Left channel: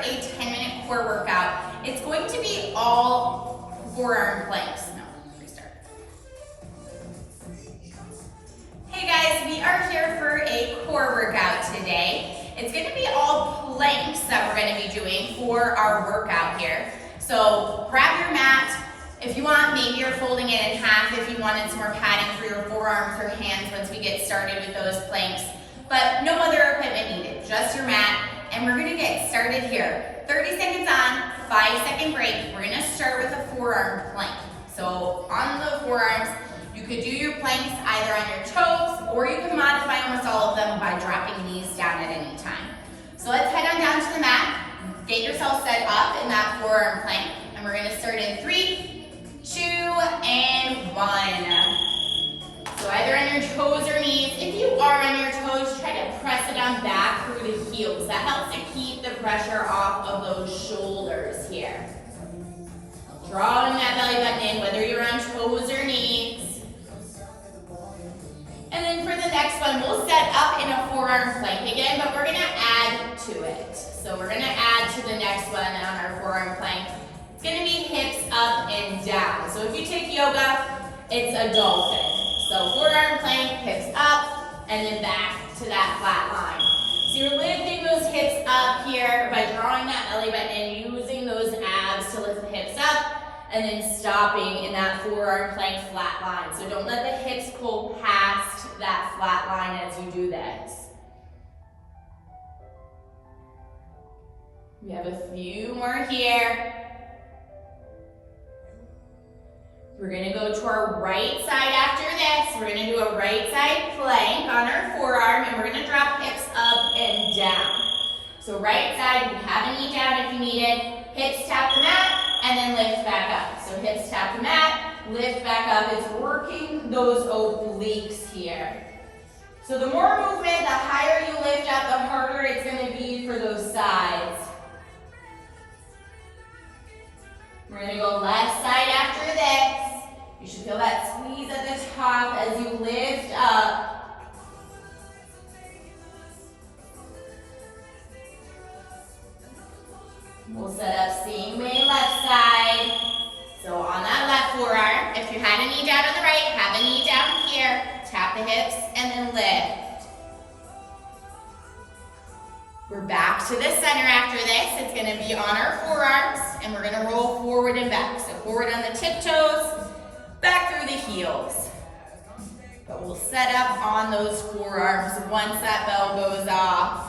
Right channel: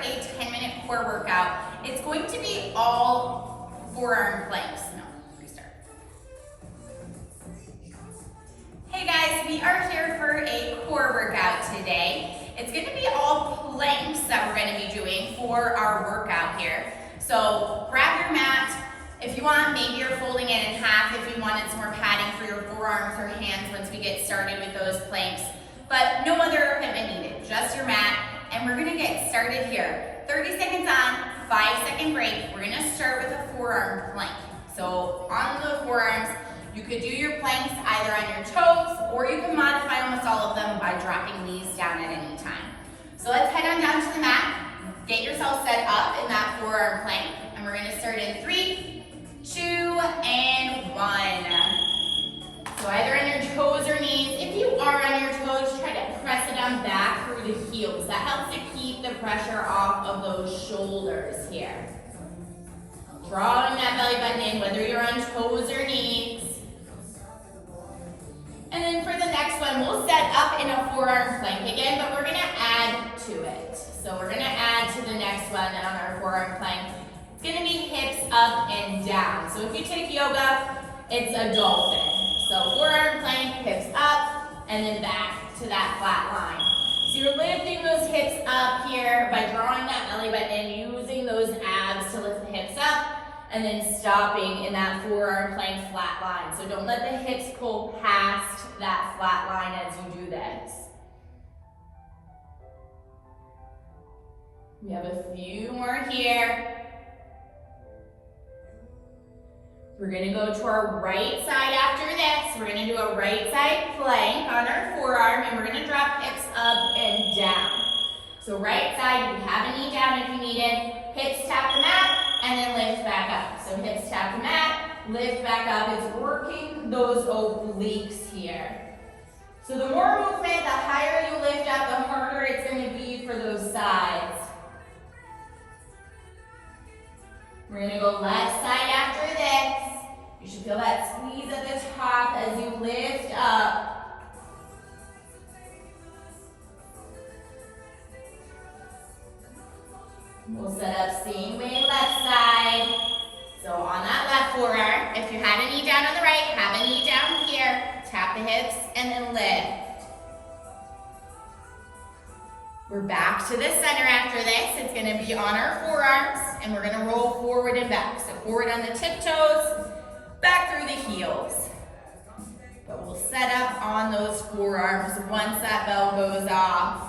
a 10-minute core workout. It's going to be all forearm planks. No, restart. Hey guys, we are here for a core workout today. It's going to be all planks that we're going to be doing for our workout here. So grab your mat. If you want, maybe you're folding it in half if you wanted some more padding for your forearms or hands once we get started with those planks. But no other equipment needed, just your mat. And we're gonna get started here. 30 seconds on, 5-second break. We're gonna start with a forearm plank. So on the forearms, you could do your planks either on your toes, or you can modify almost all of them by dropping these down at any time. So let's head on down to the mat. Get yourself set up in that forearm plank. And we're gonna start in 3, 2, and 1. So either on your toes or knees. If you are on your toes, try to press it down back through the heels. That helps to keep the pressure off of those shoulders here. Drawing that belly button in, whether you're on toes or knees. And then for the next one, we'll set up in a forearm plank again, but we're gonna add to it. So we're gonna add to the next one on our forearm plank. It's gonna be hips up and down. So if you take yoga, it's a dolphin. So forearm plank, hips up, and then back to that flat line. So you're lifting those hips up here by drawing that belly button in, using those abs to lift the hips up, and then stopping in that forearm plank flat line. So don't let the hips pull past that flat line as you do this. We have a few more here. We're gonna go to our right side after this. We're gonna do a right side plank on our forearm, and we're gonna drop hips up and down. So right side, you have a knee down if you need it. Hips tap the mat, and then lift back up. So hips tap the mat, lift back up. It's working those obliques here. So the more movement, the higher you lift up, the harder it's gonna be for those sides. We're gonna go left side after this. You should feel that squeeze at the top as you lift up. We'll set up same way left side. So on that left forearm, if you had a knee down on the right, have a knee down here. Tap the hips and then lift. We're back to the center after this. It's gonna be on our forearms, and we're gonna roll forward and back. So forward on the tiptoes, back through the heels. But we'll set up on those forearms once that bell goes off.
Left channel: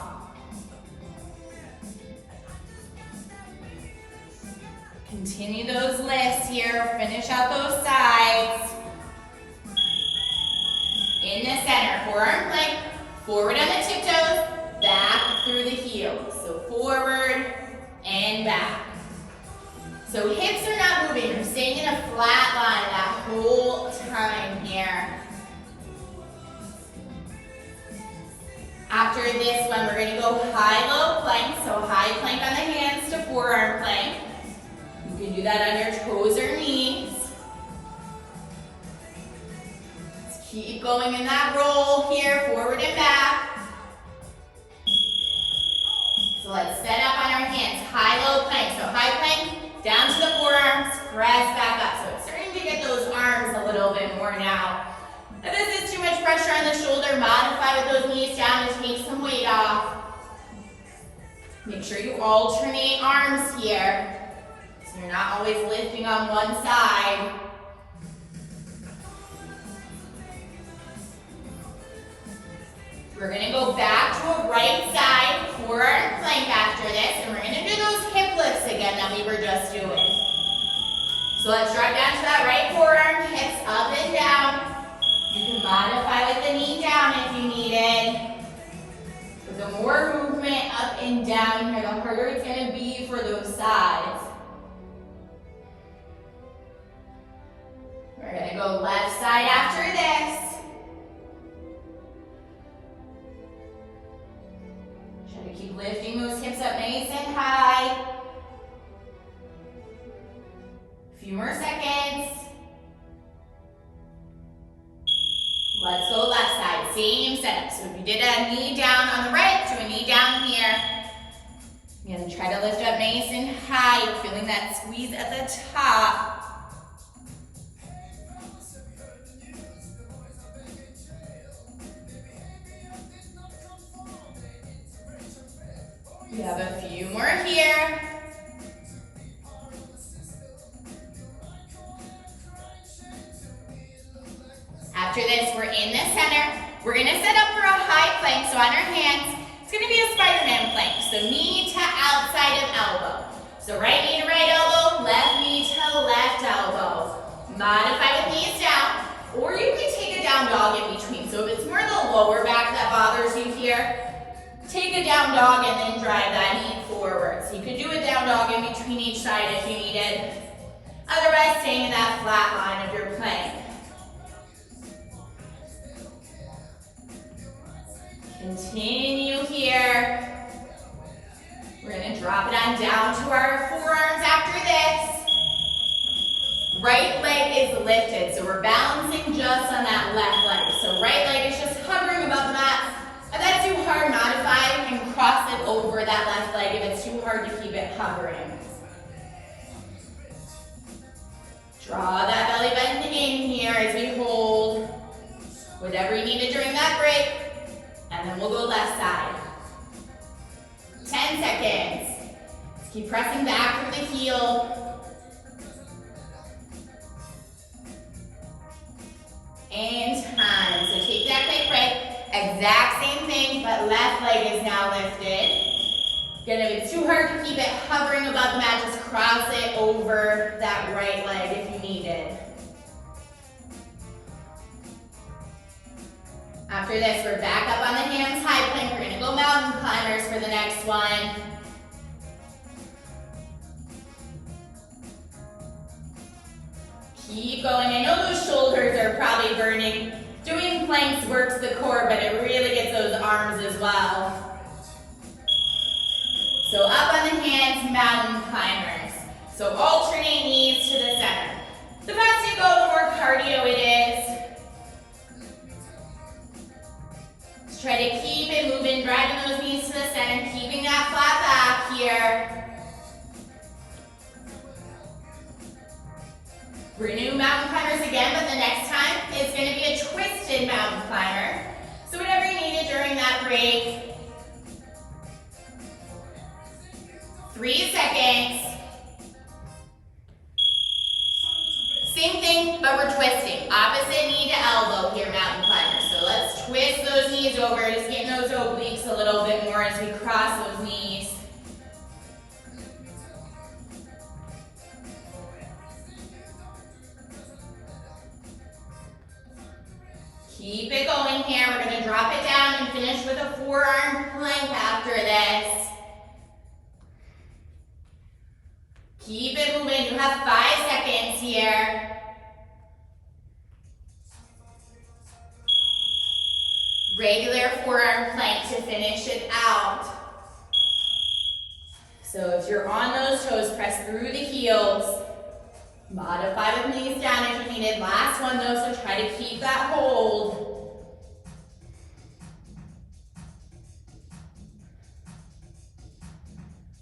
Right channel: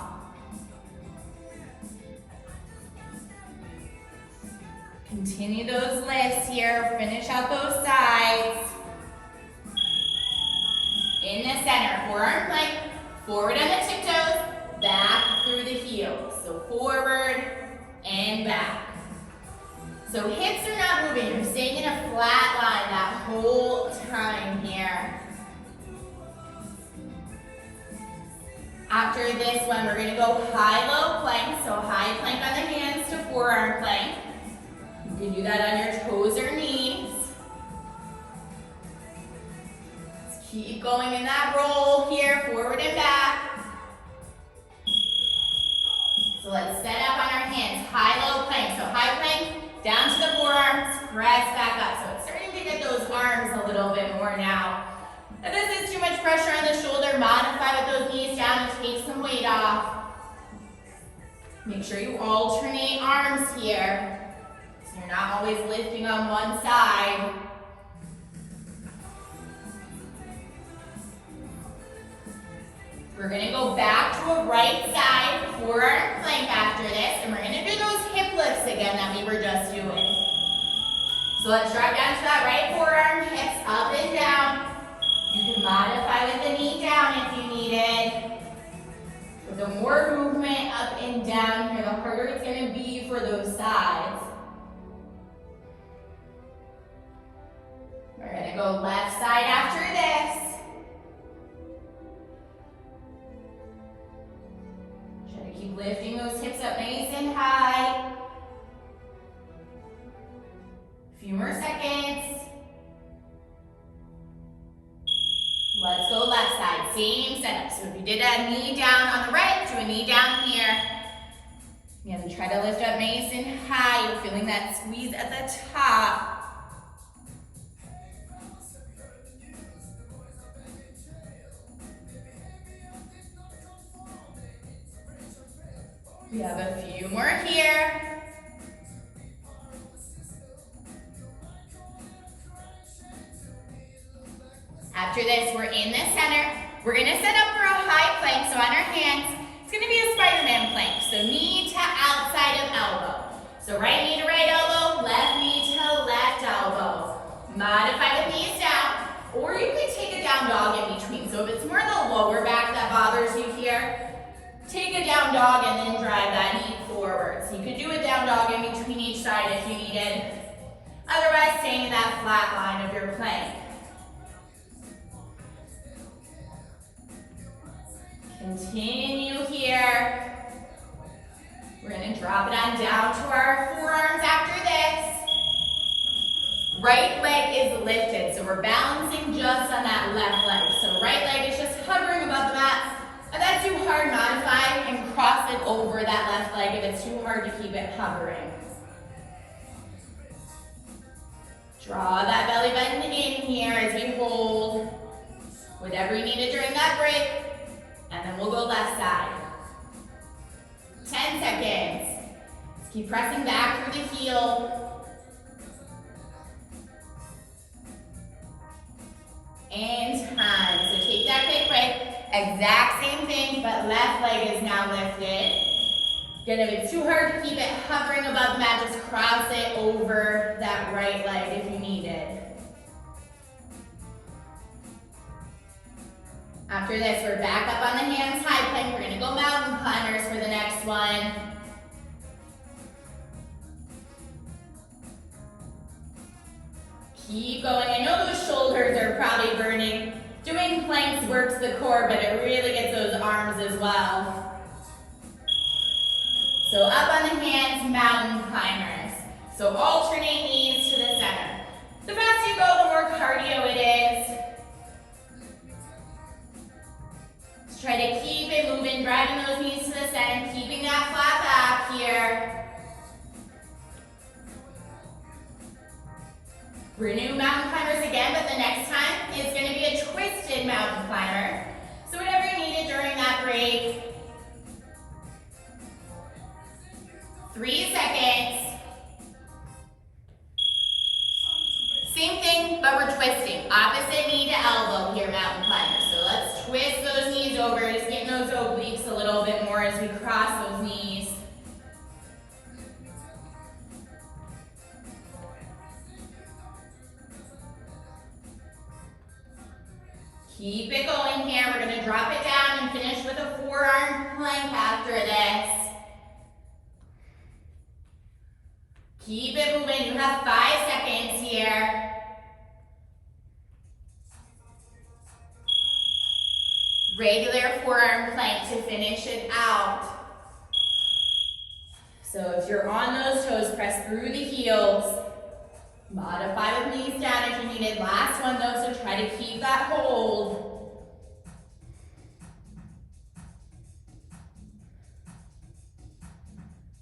Continue those lifts here, finish out those sides. In the center, forearm plank, forward on the tiptoes, back through the heels. So forward and back. So hips are not moving, you're staying in a flat line that whole time here. After this one, we're gonna go high-low plank. So high plank on the hands to forearm plank. You can do that on your toes or knees. Let's keep going in that roll here, forward and back. So let's set up on our hands, high-low plank. So high plank, down to the forearms, press back up. So it's starting to get those arms a little bit more now. If this is too much pressure on the shoulder, modify with those knees down to take some weight off. Make sure you alternate arms here, so you're not always lifting on one side. We're gonna go back to a right side forearm plank after this, and we're gonna do those hip lifts again that we were just doing. So let's drop down to that right forearm, hips up and down. You can modify with the knee down if you need it. But the more movement up and down here, the harder it's gonna be for those sides. We're gonna go left side after this. Keep lifting those hips up nice and high. A few more seconds. Let's go left side, same setup. So if you did a knee down on the right, do a knee down here. Again, try to lift up nice and high. You're feeling that squeeze at the top. We have a few more here. After this, we're in the center. We're gonna set up for a high plank, so on our hands, it's gonna be a Spider-Man plank. So knee to outside of elbow. So right knee to right elbow, left knee to left elbow. Modify with knees down, or you can take a down dog in between. So if it's more the lower back that bothers you here, take a down dog and then drive that knee forward. So you could do a down dog in between each side if you needed. Otherwise, staying in that flat line of your plank. Continue here. We're gonna drop it on down to our forearms after this. Right leg is lifted, so we're balancing just on that left leg. So right leg is just hovering above the mat. If that's too hard, modify and cross it over that left leg if it's too hard to keep it hovering. Draw that belly button in here as we hold whatever you needed during that break. And then we'll go left side. 10 seconds. Let's keep pressing back through the heel. And time. So take that quick break. Exact same thing, but left leg is now lifted. Again, if it's too hard to keep it hovering above the mat, just cross it over that right leg if you need it. After this, we're back up on the hands, high plank. We're gonna go mountain climbers for the next one. Keep going. I know those shoulders are probably burning. Doing planks works the core, but it really gets those arms as well. So up on the hands, mountain climbers. So alternate knees to the center. The faster you go, the more cardio it is. Just try to keep it moving, driving those knees to the center, keeping that flat back here. We're gonna do mountain climbers again, but the next time it's gonna be a twisted mountain climber. So whatever you needed during that break. 3 seconds. Same thing, but we're twisting. Opposite knee to elbow here, mountain climbers. So let's twist those knees over, just getting those obliques a little bit more as we cross those knees. Keep it going here. We're gonna drop it down and finish with a forearm plank after this. Keep it moving. You have 5 seconds here. Regular forearm plank to finish it out. So if you're on those toes, press through the heels. Modify with knees down if you needed. Last one though, so try to keep that hold.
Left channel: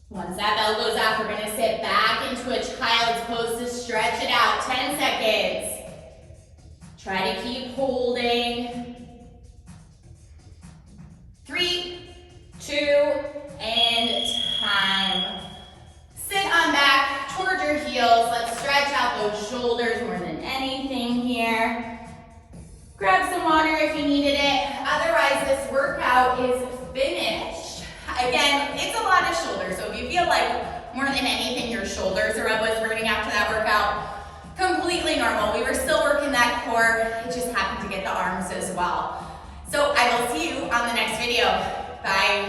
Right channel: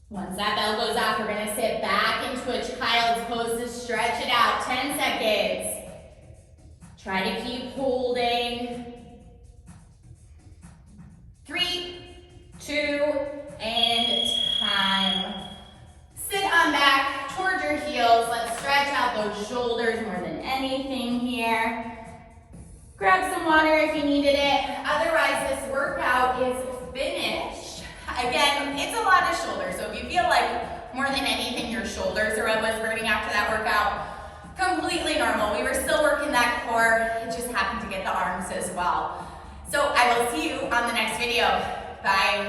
Once that bell goes off, we're gonna sit back into a child's pose to stretch it out. 10 seconds. Try to keep holding. 3, 2, and time. Sit on back towards your heels. Let's stretch out those shoulders more than anything here. Grab some water if you needed it. Otherwise, this workout is finished. Again, it's a lot of shoulders, so if you feel like more than anything your shoulders are what was burning after that workout, completely normal. We were still working that core, it just happened to get the arms as well. So I will see you on the next video. Bye.